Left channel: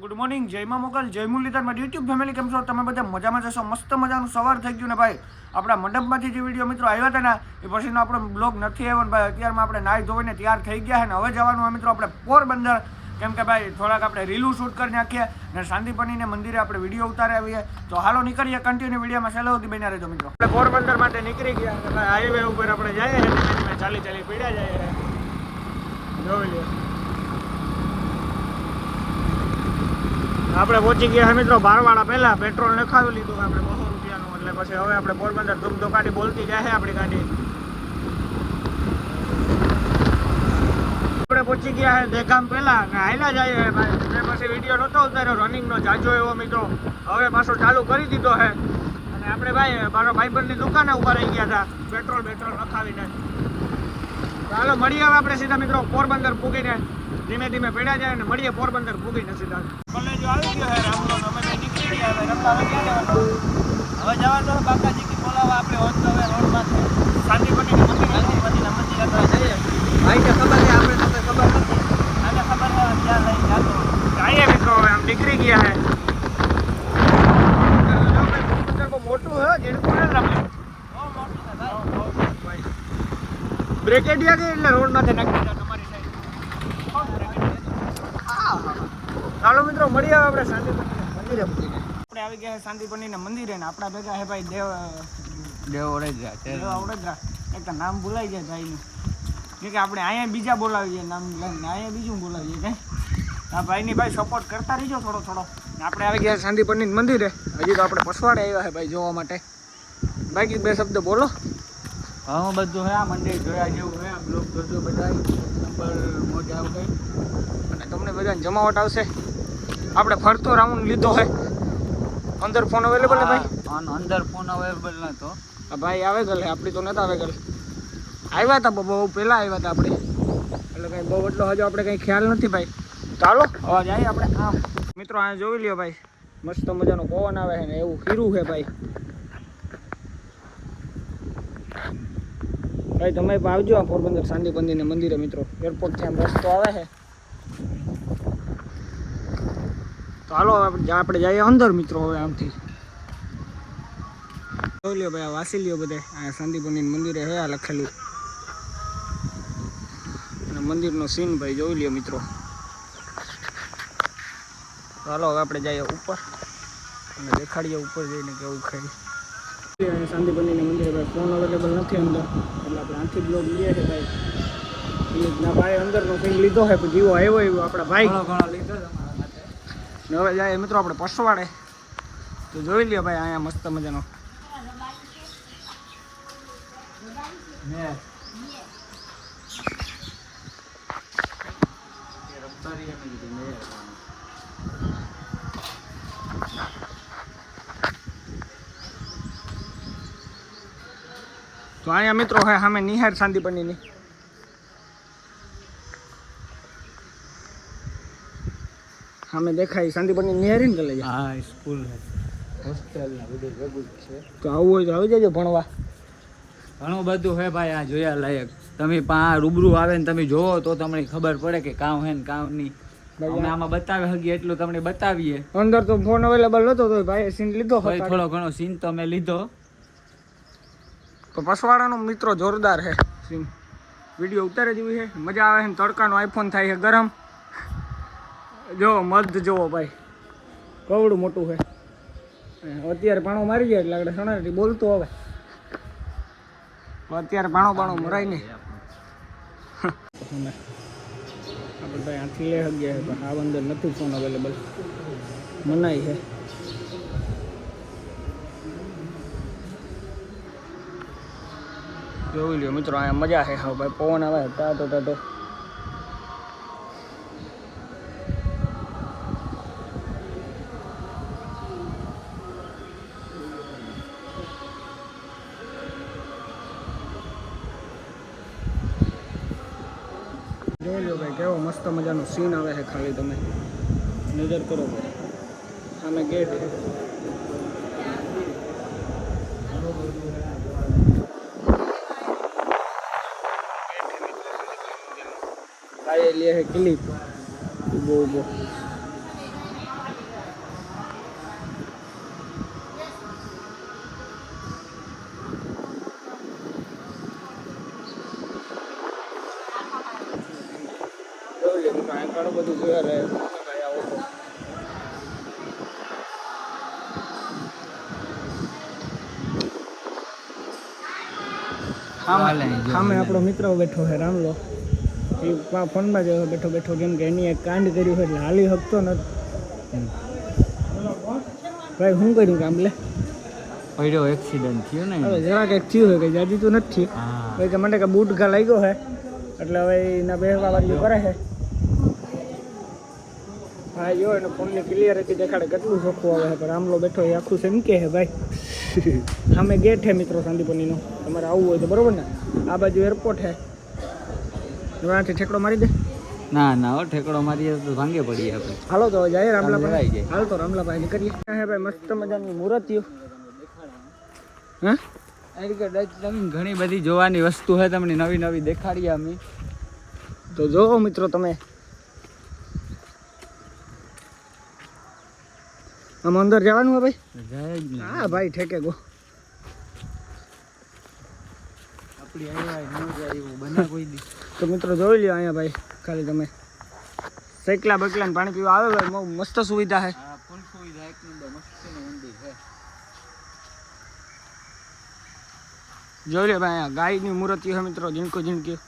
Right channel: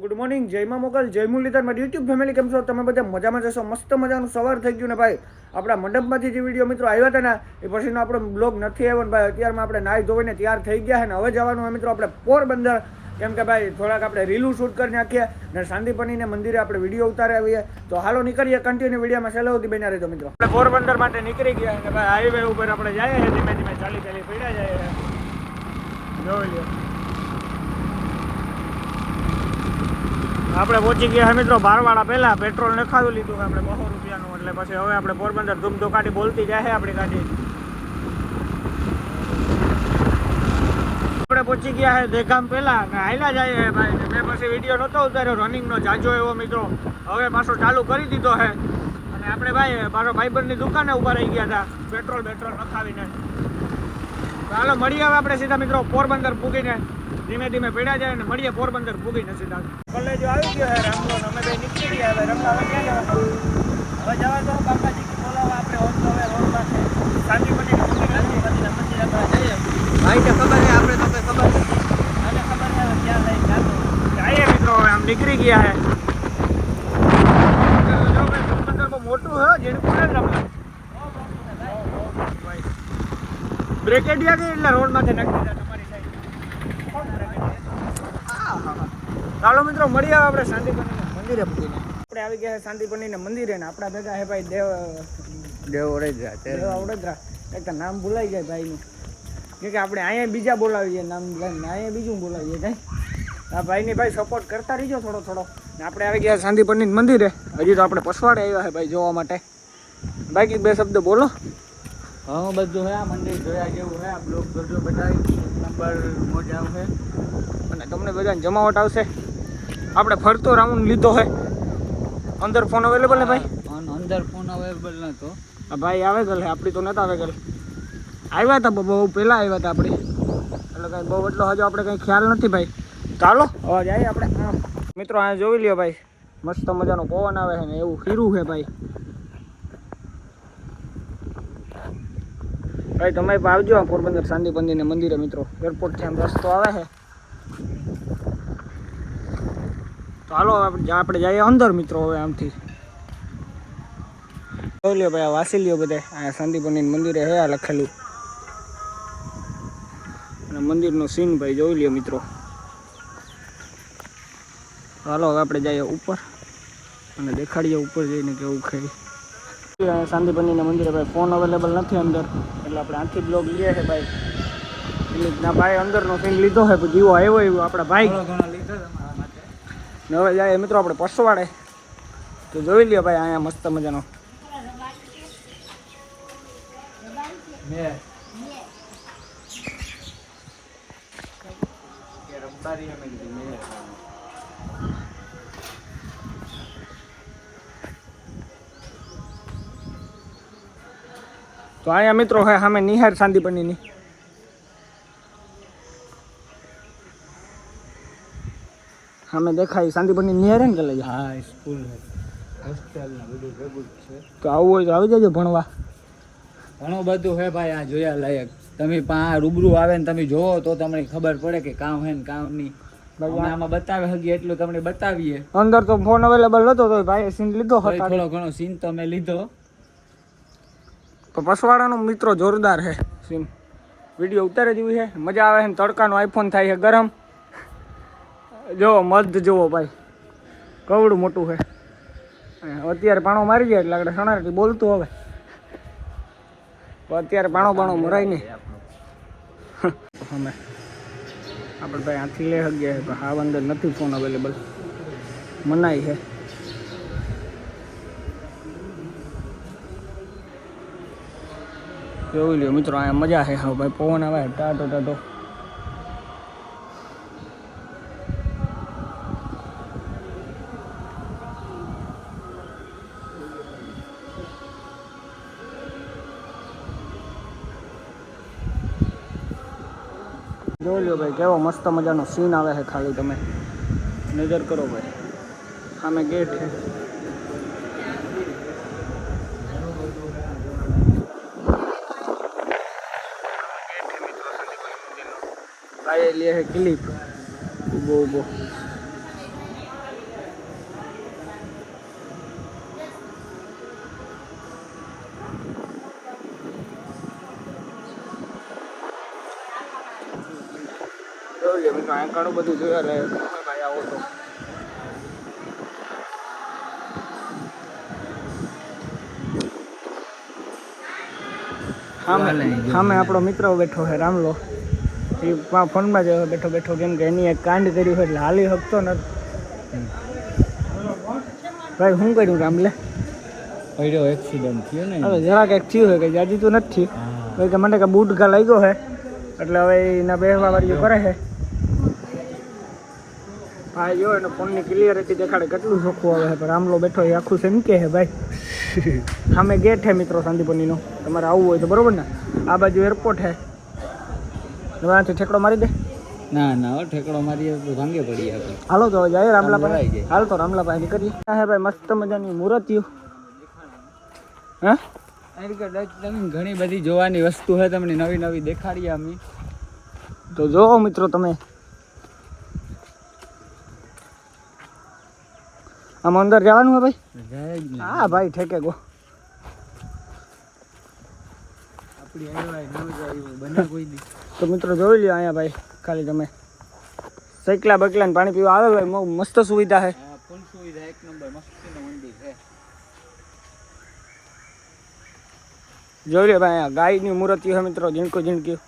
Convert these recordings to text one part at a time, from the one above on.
Good morning, જયમાં Mughal, જય મુરલીધર, મારી YouTube family કેમ છો? તમે બધા મજામાં જશો? મસ્ત મજાનું સવાર થઈ ગયું ને ભાઈ. આપણા મંડપમાંથી જે વિડીયો મિત્રો આવ્યા હતા ને એ પછીનો આપણો બ્લોગ નથી આવ્યો ને ભાઈ. અત્યારમાં આપણે નાહી ધોઈને તૈયાર થઈ ગયા છે ને હવે જવાનું હોય મિત્રો આપણે પોરબંદર. કેમ કે ભાઈ થોડાક આપણે રીલું શૂટ કરી નાખીએ ને શાંતિપનીને મંદિરે આપણે વિડીયો ઉતારી આવીએ. તો હાલો નીકળીએ, કન્ટિન્યુ વિડીયોમાં સહેલો સુધી બન્યા રહેજો મિત્રો. આપણે પોરબંદર માટે નીકળી ગયા અને ભાઈ હાઈવે ઉપર આપણે જઈએ છીએ, ધીમે ધીમે ચાલી પડ્યા જઈએ જોઈ લે. આપણે પહોંચી ગયા મિત્રો બારવાડા. પહેલા પેટ્રોલ નખાવી લીધું આપણે 200 રૂપિયાનું, એટલે પછી હવે આપણે પોરબંદર ધૂમધોકાટી બોલતી જાય આપણી ગાડી. આપણે પહોંચી ગયા છે દેગામ પહેલા ને હાલ્યા જાય ભાઈ. એ પછી વિડીયો નહોતો ઉતાર્યો રનિંગનો જાજો એવો મિત્રો, હવે પાછો ચાલુ કરી દીધો છે. અને આપણે ભાઈ મારો ભાઈબંધની દુકાને ઉભા રહી ગયા હતા પેટ્રોલ નખાવીને. હાલો મળીએ હવે આપણે સીધા મિત્રો પોરબંદર પૂગીને. ધીમે ધીમે પડ્યા જાય ને મળીએ પોરબંદર પૂગીને સીધા. કોલેજ આવી ગયો છે રામનો, અમે કઈ નીકળી ગયા હવે રમતા હવે જવાનું બાકાજી બોલાવા આપણે હવે રોડમાં શાંતિપની ભાઈ ને ખબર છે આપણે તમને ખબર નથી અને ખબર છે ક્યાં લઈ જઈએ મિત્રો. હવે આમ નીકળી ગયા છે મોટું હે જેડકું ને રમ્યું બ્રેકેડિયા કે એટલે રોડ માંથી નાખી દીધા તમારી સાઈડ. ચાલો મિત્રો મળીએ આપણે શાંતિપની મંદિરે. આપણે આવી ગયા શાંતિપની મંદિરે ને આપણા ભેગા હે ભાઈ દેવ ઓડેદરા. એક તો નામ ભૂલાઈ જાય ભાઈનું, કે આપણે અહીંયા બીજા બોલાવીએ નામ લઈને, અહીંયા બીજું બોલાવીએ કઈ. હા ભાઈની ભાઈ સપોર્ટ કરતા રહીજો થોડો. ને આપણે આવી ગયા શાંતિપની મંદિરે. હજી તો આપણે પસવાડે આવ્યા છે ભાઈ જોવા માટે. બાકી બે શબ્દ બોલો. ઘણું બધું હે આ મંદિર જોયા જેવું હે. આ બ્લોક કરજો બધા નંબર મોજ આવશે અને તમને બધાને જમાવટ આવશે. આપણે ફરતો રાઉન્ડ લીધો હે. અંદર ફોન અવેલેબલ હે ભાઈ? અંદર ફોન અવેલેબલ નતો ભાઈ આવે ગયેલ આપણી તો નતા આવે ગયેલ. આવ્યા હતા બહુ પહેલા આવ્યા હતા આપણે, એટલે કઈ બહુ એટલો હજુ આપણે કઈ ખ્યાલ નથી ભાઈ. ચાલો હવે જઈએ આપણે. આમ મિત્રો આ જોઈ લ્યો ભાઈ, મસ્ત મજાનો પવન આવે છે ને એવું હીરું છે ભાઈ. ભાઈ તમે આવજો આ પોરબંદર શાંતિપંદીને મંદિરે મિત્રો. એરપોર્ટ થી મસ્ત આવે છે. તો હાલો આપણે જઈએ અંદર મિત્રો. હવે આમથી જોઈ લ્યો ભાઈ, આ વાસી લ્યો બધા. અહીંયા શાંતિપની મંદિરે હે આ લખેલું અને મંદિરનું સીન ભાઈ જોઈ લ્યો મિત્રો. હાલો હવે આપણે જઈએ ઉપર અને દેખાડીએ ઉપર જઈને કેવું ખાઈ. અહીંયા શાંતિપનીના મંદિરે ભાઈ ફોન અવેલેબલ નથી અંદર, એટલે આપણે આથી બ્લોગ લઈએ છે ભાઈ. ના ભાઈ અંદરનો સીન લીધો છે, જીવો આવ્યો એવો આપણા ભાઈ. હવે જાય મિત્રો આપણે પસવાડે. તો જોઈ લ્યો ભાઈ અહીંયા મસ્ત મજાનો તો અહીંયા મિત્રો હે સામે નિહાર શાંતિપનીની. સામે દેખાય શાંતિપની નિહાર ને કલે. હા સ્કૂલ હોસ્ટેલ બધું છે. તો આવું હોય તો આવી જજો ભણવા. ઘણું બધું હે ભાઈ આ જોયા લાયક. તમે રૂબરૂ આવે ને તમે જોવો તો તમને ખબર પડે કે કામ હે ને કામ નહીં. અમે આમાં બતાવી શકીએ એટલું તમને બતાવીએ. અંદર તો ફોન અવેલેબલ નતો તો ભાઈ સીન લીધો. થોડો ઘણો સીન તો મેં લીધો. તો પસવાડાનો મિત્રો જોરદાર છે સીન. વિડીયો ઉતારે જેવી છે, મજા આવે છે. તડકાનો આઈફોન થાય છે ગરમ. જોવો મધ જોવો ભાઈ, કવડું મોટું છે. અત્યારે પાણો મારી જાય એટલે આપણે સણાથી બોલતું હવે. અત્યારે પાણો મરાય નહીં. અમે આપણે ભાઈ આથી લઈ શકીએ પણ આ અંદર નથી ફોન અવેલેબલ, મનાઈ છે. જોઈ લ્યો મિત્રો અહીંયા મજા છે. હા ભાઈ પવન આવે ટાઢો. જોઈ લો ભાઈ કેવો મસ્ત મજાનો સીન આવે છે. ખાલી તમે નજર કરો ભાઈ, સામે ગેટ છે. ભાઈ લે છે ક્લિપ ઊભો આ ઘણું બધું જોયા રહે ભાઈ આવો તો સામે આપણો મિત્ર બેઠો છે રામલો એ ફોનમાં જ બેઠો બેઠો કેમ કે એની એક કાંડ કર્યું છે એટલે હાલી શકતો નથી ભાઈ શું કર્યું રામલે પડ્યો એક્સિડન્ટ થયો ને હવે જરાક એક થયું છે કે જાજી તો નથી થયું કે મને કે બૂટ ઘા લાગ્યો છે એટલે હવે એના બેહવા વાળી કરે છે ભાઈ જો એનો ફોનની ક્લિયરિટી દેખાડે કેટલું ચોખ્ખું આવે છે પણ રામલો બેઠો એ આખું સમકે છે ભાઈ સામે ગેટ છે મિત્રો શાંતિપુરનો તમારે આવવું હોય તો બરોબર ને આ બાજુ એરપોર્ટ છે તમારાથી ઠેકડો મારી દે ના ના હો ઠેકડો મારીએ તો ભાંગે પડીએ આપણે હાલો તો જાય રામલા પાસે હાલ તો રામલા પાસે કરીએ હે ભાઈ મસ્ત મજાની મૂર્તિઓ હા ઘણી બધી જોવાની વસ્તુ છે તમને નવી નવી દેખાડીએ અમે તો જોવો મિત્રો તમે આમ અંદર જવાનું હે ભાઈ હા ભાઈ ઠેકે ગો તો મિત્રો જોઈ લ્યો અહીંયા ભાઈ ખાલી તમે સૈકલા બકલા ને પાણી પીવા આવે ભાઈ બહુ મસ્ત સુવિધા છે ફૂલ સુવિધા એક નંબર મસ્ત મંદિર છે જોઈ લ્યો ભાઈ અહીંયા ગાયની મૂર્તિ છે મિત્રો ઝીણકો ઝીણકી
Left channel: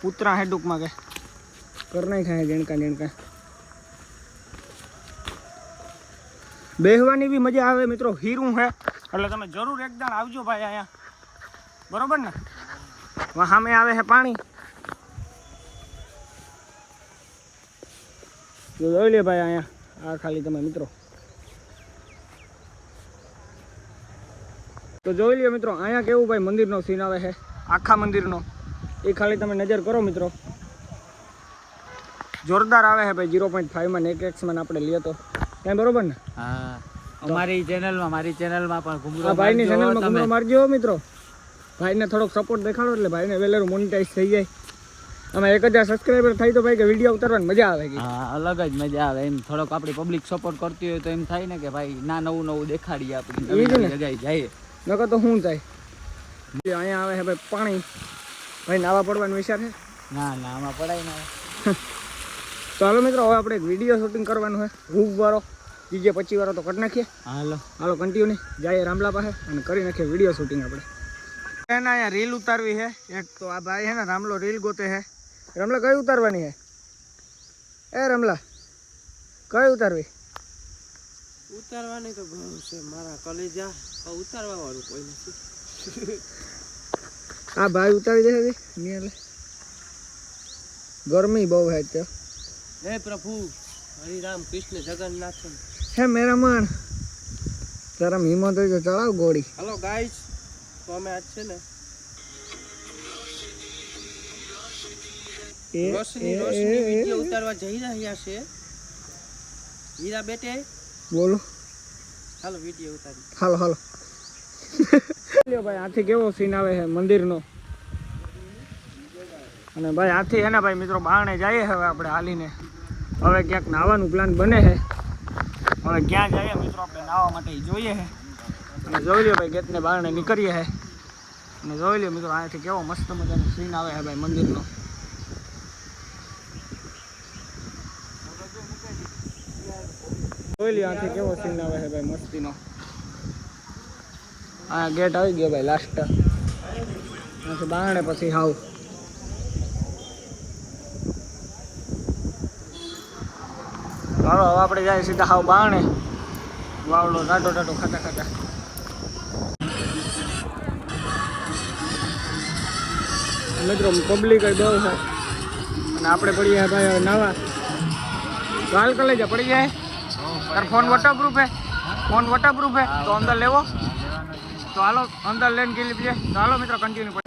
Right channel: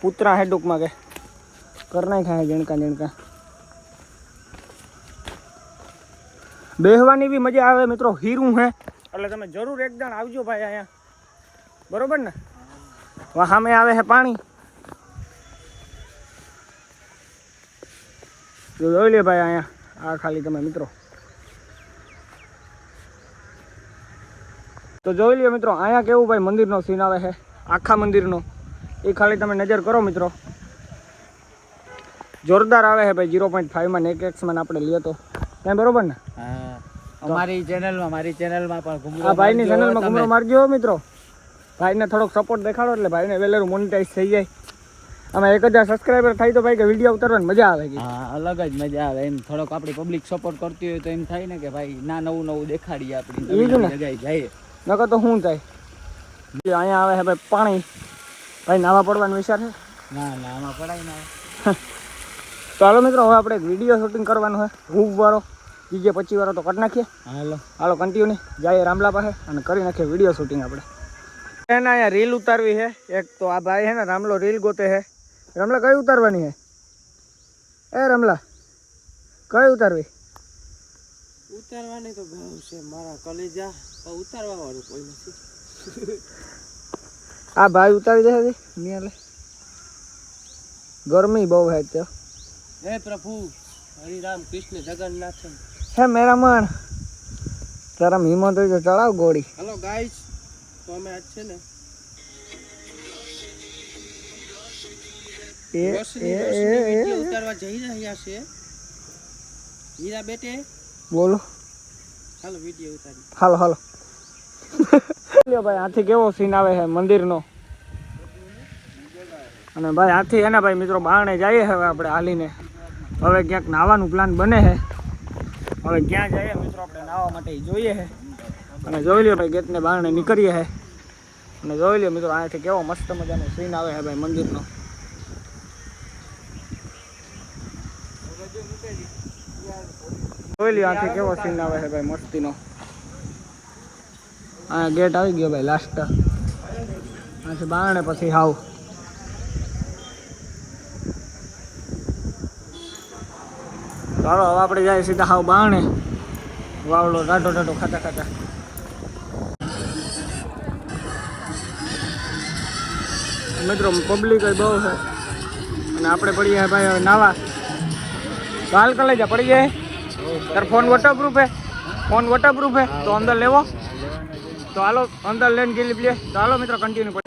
પુતરા હે ટૂંકમાં કે કરના ખાય ઝીણકા ઝીણકા બેહવાની બી મજા આવે મિત્રો હીરું હે એટલે તમે જરૂર એકદમ આવજો ભાઈ અહીંયા બરોબર ને સામે આવે છે પાણી જોઈ લે ભાઈ અહીંયા આ ખાલી તમે મિત્રો તો જોઈ લ્યો મિત્રો અહીંયા કેવું ભાઈ મંદિરનો સીન આવે છે આખા મંદિરનો એ ખાલી તમે નજર કરો મિત્રો જોરદાર આવે છે ભાઈ 0.5 માં ને 1x માં આપણે લઈએ તો ત્યાં બરોબર ને હા અમારી ચેનલમાં મારી ચેનલમાં પણ ઘુમરો ભાઈની ચેનલમાં ઘુમરો મારજો મિત્રો ભાઈને થોડોક સપોર્ટ દેખાડો એટલે ભાઈને વેલેરું મોનેટાઈઝ થઈ જાય આમાં 1000 સબસ્ક્રાઈબર થાય તો ભાઈ કે વિડીયો ઉતારવાની મજા આવે છે હા અલગ જ મજા આવે એમ થોડોક આપણી પબ્લિક સપોર્ટ કરતી હોય તો એમ થાય ને કે ભાઈ ના નવું નવું દેખાડીએ આપણી નવી જગ્યાએ જઈએ નકર તો શું થાય અહીંયા આવે છે ભાઈ પાણી ભાઈ નાવા પડવાનો વિચાર છે ના ના આમાં પડાય ને તો હાલો મિત્રો હવે આપણે એક વિડીયો શૂટિંગ કરવાનું છે રૂપ વાળો DJ 25 વાળો તો કરી નાખીએ હાલો કન્ટિન્યુ જઈએ રામલા પાસે અને કરી નાખીએ વિડીયો શૂટિંગ આપણે એના અહીંયા રીલ ઉતારવી છે એક તો આ ભાઈ છે ને રામલો રીલ ગોતે છે રામલા કઈ ઉતારવાની છે એ રામલા કઈ ઉતારવી ઉતારવાની તો બહુ છે મારા કલેજા ઉતારવા વાળું કોઈ નથી આ ભાઈ ઉતારી દે નિયાલે ગરમી બહુ છે તો હે પ્રભુ હરિ રામ કૃષ્ણ જગન્નાથ હે મેરા મન તારા હિંમત હોય તો ચડાવ ગોળી હેલો ગાઈસ તો અમે આજ છે ને રોશની વિડિયો ઉતારવા જઈ રહ્યા છે હીરા બેટે બોલો હાલો વિડિયો ઉતારી હાલો હાલો લ્યો ભાઈ આથી કેવો સીન આવે છે મંદિરનો અને ભાઈ આથી છે ને ભાઈ મિત્રો બારણે જઈએ હવે આપણે હાલીને હવે ક્યાંક નાવાનું પ્લાન બને છે હવે ક્યાં જઈએ મિત્રો આપણે નાવા માટે જોઈએ છે અને જોઈ લ્યો ભાઈ ગેટને બારણે નીકળીએ છે અને જોઈ લ્યો મિત્રો અહીંયાથી કેવો મસ્ત મજાનો સીન આવે છે ભાઈ મંદિરનો જોઈ લ્યો આથી કેવો સીન આવે છે ભાઈ મસ્તીનો આ ગેટ આવી ગયો ભાઈ લાસ્ટ પછી બારણે પછી હાવ હાલો હવે આપણે જાય સીધા હાવ બારણે વાવડો ટાટો ટાટો ખાતા ખાતા મિત્રો પબ્લિક બહુ છે અને આપણે પડીએ ભાઈ નાવા હાલ કર લઈ જા પડી જાય તાર ફોન વોટરપ્રૂફ હે ફોન વોટરપ્રૂફ હે તો અંદર લેવો તો હાલો અંદર લઈને ગેલી લે તો હાલો મિત્રો કન્ટિન્યુ કરી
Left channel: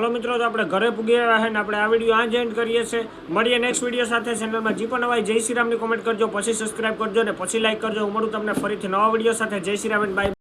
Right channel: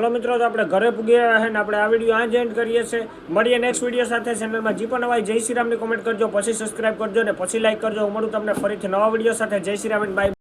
હલો મિત્રો, તો આપણે ઘરે પૂગી આવ્યા છે ને આપણે આ વિડીયો આ જ એન્ડ કરીએ છીએ. મળીએ નેક્સ્ટ વિડીયો સાથે. ચેનલમાં જે પણ નવા જય શ્રી રામની કોમેન્ટ કરજો, પછી સબસ્ક્રાઇબ કરજો ને પછી લાઈક કરજો. હું મળું તમને ફરીથી નવા વિડીયો સાથે. જય શ્રી રામ, બાય.